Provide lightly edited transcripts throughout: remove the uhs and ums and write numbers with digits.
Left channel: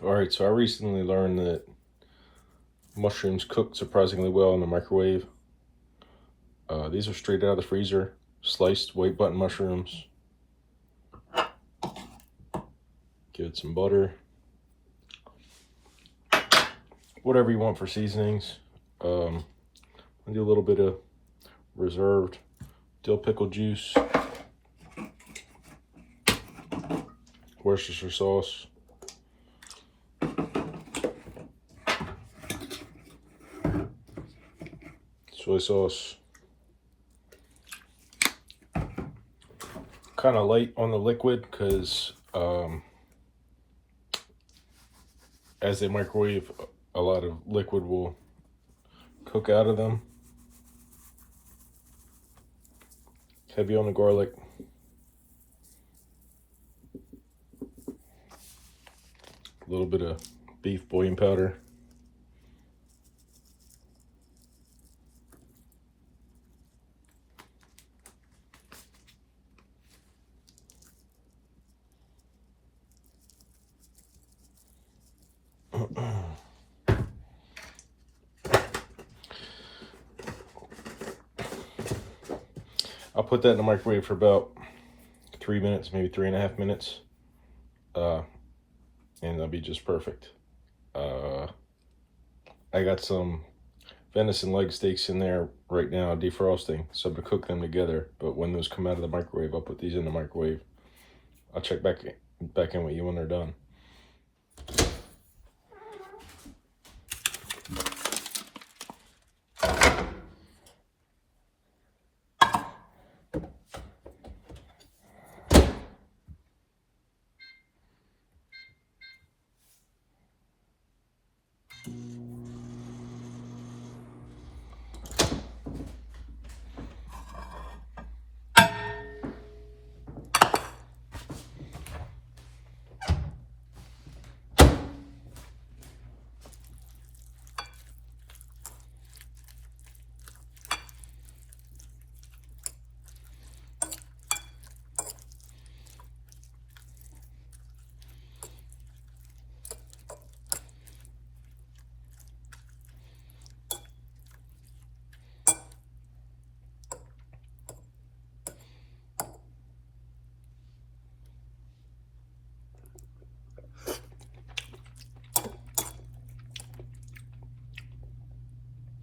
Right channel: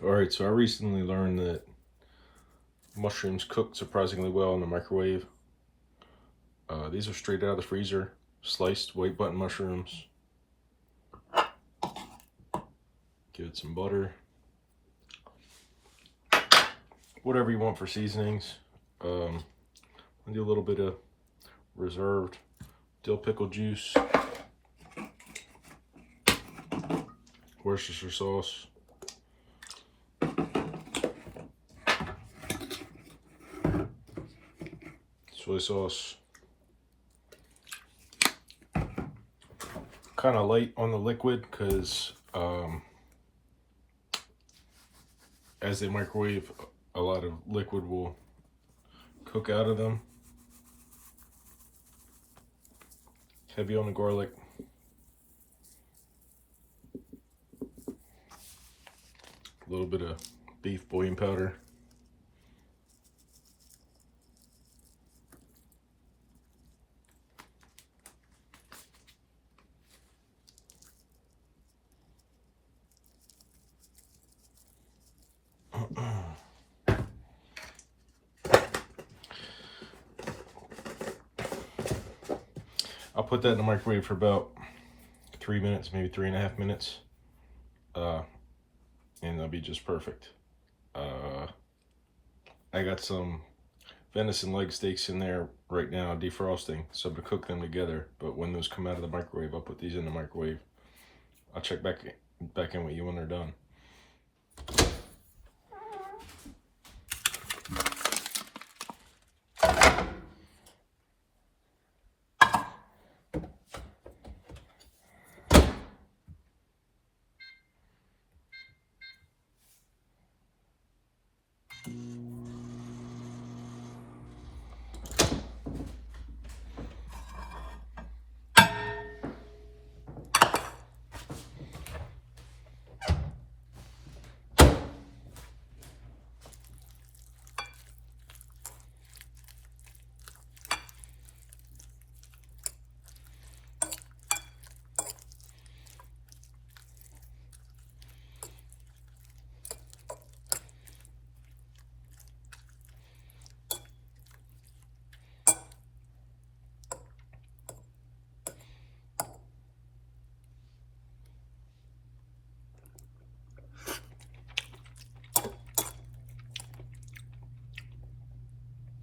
Alright, so I recently learned that mushrooms cook surprisingly well in the microwave. These are straight out of the freezer, sliced white button mushrooms. Give it some butter. Whatever you want for seasonings. I'll do a little bit of reserved dill pickle juice, Worcestershire sauce, soy sauce. Kind of light on the liquid because as they microwave, a lot of liquid will cook out of them. Heavy on the garlic. A little bit of beef bouillon powder. I'll put that in the microwave for about 3 minutes, maybe 3.5 minutes, and that'll be just perfect. I got some venison leg steaks in there right now, defrosting, so I'm gonna cook them together. But when those come out of the microwave, I'll put these in the microwave. I'll check back in with you when they're done.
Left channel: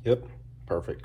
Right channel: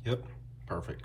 Yep, perfect.